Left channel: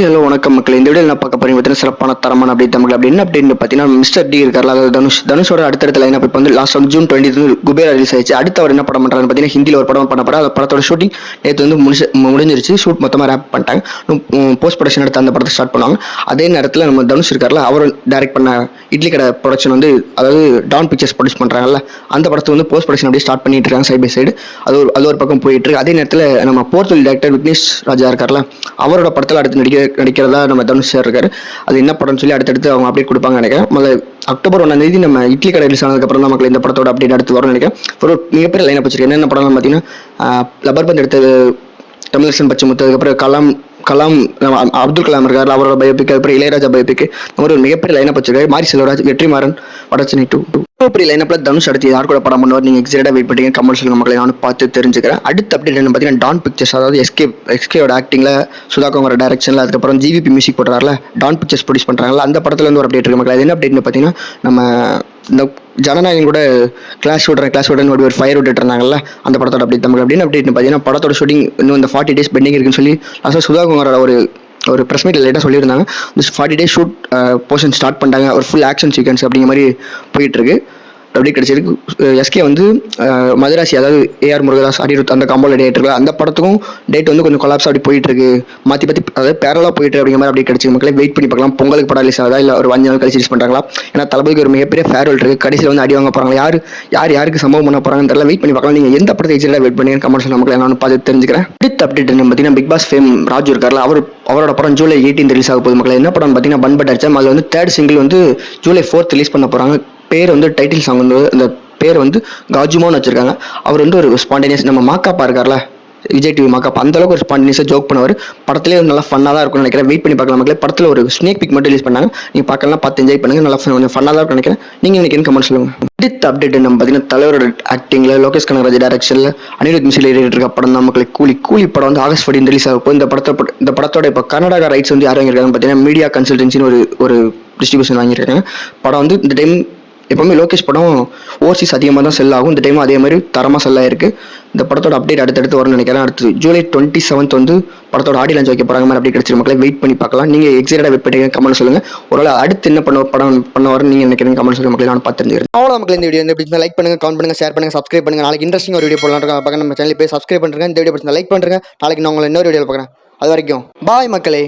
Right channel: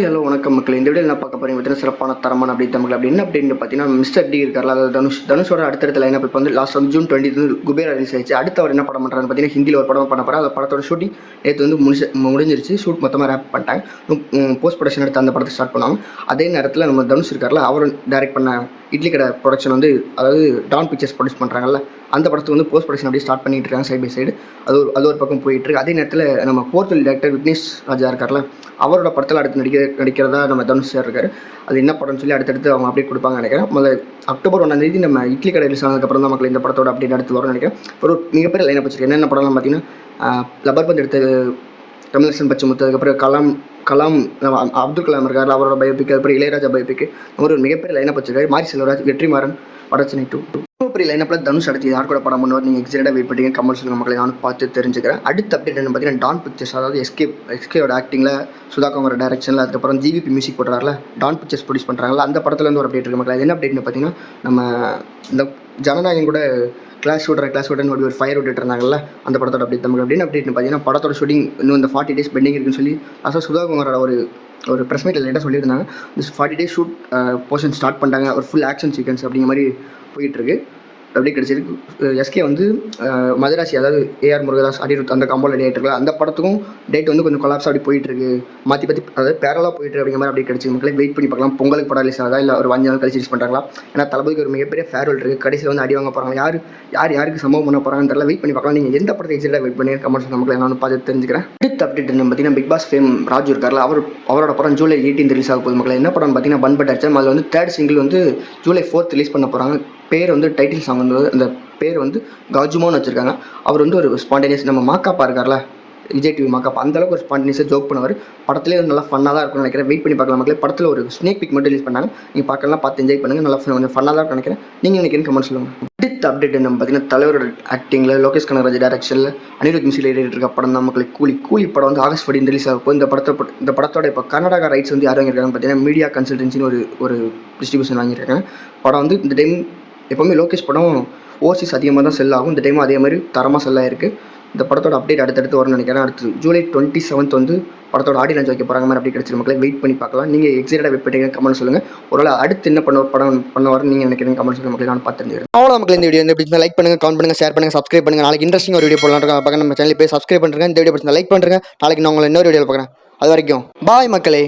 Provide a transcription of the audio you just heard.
Hello வணக்கம் மக்கள். இந்த வீடியோ நான் பார்க்க போறேன் பார்த்தீங்கன்னா சிறப்பான தரமான அப்டேட் தமிழ் அப்படி என்ன அப்டேட் பார்த்தீங்கன்னா மிஸ்டர் டி இருக்கார்ல, அதாவது தனுஷோட அடுத்தடுத்த லைன் இப்போ வந்து லாஸ்ட் வந்து ஜூன் 20 குபேரா ரிலீஸ் ஆயிடுச்சு. அடுத்த அவர் என்ன படம் பண்ணுறாரு பார்த்தீங்கன்னா ஹிந்தியில் ஒரு படம் பண்ண போறாரு. அந்த படத்தோட ஷூட்டிங் நேற்று வந்து முடிஞ்சிருச்சு. ஷூட் மொத்தமாக ரேப் பண்ணிட்டாங்க. போஸ்ட் ப்ரொடக்ஷன் எடுத்து அந்த படத்தை ஸ்டார்ட் பண்ணுவாங்க. அதே நேரத்தில் நம்ம தனுஷ் இருக்கார்ல, அவர் டைரக்ட் பண்ண இட்லி கடை ப்ரொடக்ஷன் வந்து அதாவது டான் பிக்சர்ஸ் ப்ரொடியூஸ் பண்ணுறாங்கல்ல, அந்த படத்தை வந்து போஸ்ட் ப்ரொடக்ஷன் அப்படியே ஸ்டார்ட் பண்ணிட்டு இருக்காங்க சைட் பை சைடு. அது ஒரு பக்கம் போயிட்டு இருக்கு. அதே நேரத்தில் நம்ம போர்த்தொழில் டேரக்டர் விக்னேஷ் ராஜா இருக்கார்ல, அவரோட படத்தில் அடுத்து நடிக்கிறதா நம்ம தனுஷ் சார் இருக்காரு. அது என்ன படம்னு சொல்லி அடுத்தடுத்து அவங்க அப்டேட் கொடுப்பாங்க நினைக்கிறேன். முதல்ல அக்டோபர் 1 நம்ம இட்லி கடை ரிலீஸ் ஆனதுக்கப்புறம் தான் மக்கள் இந்த படத்தோட அப்டேட் அடுத்து வரும்னு நினைக்கிறேன். ஒரு மிகப்பெரிய லைனை வச்சிருக்கேன். என்னென்ன படம்னு பார்த்தீங்கன்னா லப்பர் பந்து எடுத்தது தமிழரசன் பச்சைமுத்து, அதுக்கப்புறம் கலாம் அப்துல் கலாம் இருக்காரு, அவரோட பயோபிக், அதுக்கப்புறம் இளையராஜா பயோபிக், ஒரு மிகப்பெரிய லைனப் வச்சிருக்காரு. மாரி செல்வராஜ், வெற்றிமாறன், வடச்சென்னை 2 பெரிய லைனப்பில் தனுஷ் அடுத்து யார் கூட படம் பண்ணுவார் நீங்கள் எக்ஸைட்டாக வெயிட் பண்ணிங்க கமெண்ட் சொல்லுங்க மக்களை, நானும் பார்த்து தெரிஞ்சுக்கிறேன். அடுத்த அப்டேட் என்ன பார்த்தீங்கன்னா டான் பிக்சர்ஸ், அதாவது எஸ்கேயோட ஆக்டிங்கில் சுதாகர் டைரக்ஷனில் அதுக்கப்புறம் ஜிவிபி மியூசிக் போடுறாருல, டான் பிக்சர்ஸ் ப்ரொடியூஸ் பண்ணுறாங்களா, அந்த படத்துலேருந்து ஒரு அப்டேட் இருக்கு மக்கள். அது என்ன அப்டேட்னு பார்த்தீங்கன்னா நம்ம இந்த ஜனநாயகம் கூட கிளாஸ் விட்றேன் ஒரு ஃபயர் விட்டுட்டு இருந்தாங்கல்ல, அந்த படத்தோட அப்டேட் தமிழ் அப்படின்னு அப்டேட்னு பார்த்தீங்கன்னா படத்தோட ஷூட்டிங் இன்னும் இந்த 40 days பெண்டிங் இருக்குன்னு சொல்லி லாஸ்ட்டாக சுதாகுமாரோட ஒரு ப்ரெஸ் மீட் லேட்டாக சொல்லியிருந்தாங்க. இந்த 40 days ஷூட் போர்ஷன் ஸ்டார்ட் பண்ணிட்டாங்க. ஒரு ஃபுல் ஆக்ஷன் சீக்வன்ஸ் அப்படிங்கிற மாதிரி போயிட்டுருக்கு. அப்படி கிடைச்சிருக்கு. எஸ்கே வந்து மதராசி, அதாவது ஏஆர் முருகதாஸ், அனிருத் அந்த காம்போல டேட் இருக்கு. அந்த படத்துக்கும் டேட் வந்து கொஞ்சம் கொலாப்ஸ் அப்படி போயிட்டு இருக்கு. மாற்றி அதாவது பேரலாக போயிட்டு அப்படிங்கிற மாதிரி அப்படி கிடைச்சி மக்களே வெயிட் பண்ணி பார்க்கலாம். பொங்கலுக்கு படம் ரிலீஸ் ஆகுதா இல்லை ஒரு 5 நாள் கழிச்சு ரிலீஸ் பண்ணுறாங்களா? ஏன்னா தளபதிக்கு ஒரு மிகப்பெரிய ஃபேர்வெல் இருக்கு. கடைசியில் வந்து அடி வாங்க போகிறாங்க. யாருக்கு சம்பவம் பண்ண போகிறாங்கன்னு தெரியல. வெயிட் பண்ணி பார்க்கலாம். நீங்கள் எந்த படத்தை எக்ஸைட்டாக வெயிட் பண்ணி கமெண்ட் சொல்ல மக்கள், நான் பார்த்து தெரிஞ்சுக்கிறேன். அடுத்த அப்டேட் என்ன பார்த்தீங்கன்னா பிக் பாஸ் ஃபேம் ராஜு இருக்கார்ல, அவரோட படம் ஜூலை 18 ரிலீஸ் ஆக போகுது மக்கள். என்ன படம் பார்த்தீங்கன்னா பன் பட் அடிச்சா, அதில் வந்து 3rd சிங்கிள் வந்து ஜூலை 4 ரிலீஸ் பண்ண போகிறாங்க. பேர் வந்து டைட்டில் சாங் வந்து அந்த பேர் வந்து காஜுமோன்னு வச்சிருக்காங்க. அவர் வந்து ஒரு ஸ்பான்டேனியஸ், நம்ம மாக்காப்பா இருக்கார்ல விஜய் டிவி மாக்காப்பா, அந்த அளவுக்கு ஒரு ஸ்பான்டேனியஸாக ஜோக் பண்ணுவார். படத்துலேயே நல்லா ஃபன்னாக தான் இருக்கும்னு நினைக்கிறேன். வெயிட் பண்ணி பார்க்கலாம் மக்களே. படத்தில் ஒரு ஸ்னேக் பிக் மட்டும் ரிலீஸ் பண்ணாங்க. நீங்கள் பார்க்கலாம், பார்த்து என்ஜாய் பண்ணுங்கள். நல்லா கொஞ்சம் ஃபன்னாக தான் இருக்கும் நினைக்கிறேன். நீங்கள் எனக்கு என்ன கமெண்ட் சொல்லுங்கள். அடுத்த அப்டேட் நம்ம பார்த்தீங்கன்னா தலைவரோட ஆக்டிங்கில் லோகேஷ் கனகராஜ் டைரக்ஷனில் அனிருத் மியூசிக்கில் இருக்க படம் தான் மக்களே கூலி படம் வந்து ஆகஸ்ட் 14 ரிலீஸ் ஆகும். இந்த படத்தோட இப்போ கர்நாடகா ரைட்ஸ் வந்து யார் வாங்கியிருக்காங்க பார்த்தீங்கன்னா மீடியா கன்சல்டன்சின்னு ஒரு டிஸ்ட்ரிபியூஷன் வாங்கியிருக்காங்க. படம் வந்து இந்த டைம் எப்போவுமே லோகேஷ் படம் ஓவர்சீஸ் அதிகமாக தான் செல் ஆகும். இந்த டைம் அதே மாதிரி தரமாக செல் ஆயிருக்கு. இந்த படத்தோட அப்டேட் அடுத்தடுத்து வரும்னு நினைக்கிறேன். அடுத்து ஜூலை 27 வந்து படத்தோட ஆடியோ லான்ச் வைக்க போகிறாங்க மாதிரி அப்படி கிடைச்சிரு மக்களை. வெயிட் பண்ணி பார்க்கலாம். நீங்கள் எக்ஸைட்டாக வெயிட் பண்ணி கமெண்ட் சொல்லுங்கள். ஒருவேளை அடுத்து என்ன படம் பண்ணுவாருன்னு நீங்கள் நினைக்கிறீங்க கமெண்ட் சொல்லுங்கள் மக்களை, நான் பார்த்து தெரிஞ்சுக்கிறேன். அவ்வளோ மக்கள், இந்த வீடியோ இந்த லைக் பண்ணுங்கள், கமெண்ட் பண்ணுங்கள், ஷேர் பண்ணுங்கள், சப்ஸ்கிரைப் பண்ணுங்கள். நாளைக்கு இன்ட்ரெஸ்டிங் ஒரு வீடியோ போடலாம் பார்க்க நம்ம சேனல் போய் சப்ஸ்கிரைப் பண்ணுறேன். இந்த வீடியோ பிடிச்சா லைக் பண்ணுறேன். நாளைக்கு நான் உங்களை இன்னொரு வீடியோ பார்க்குறேன். அது வரைக்கும் பாய் மக்களே.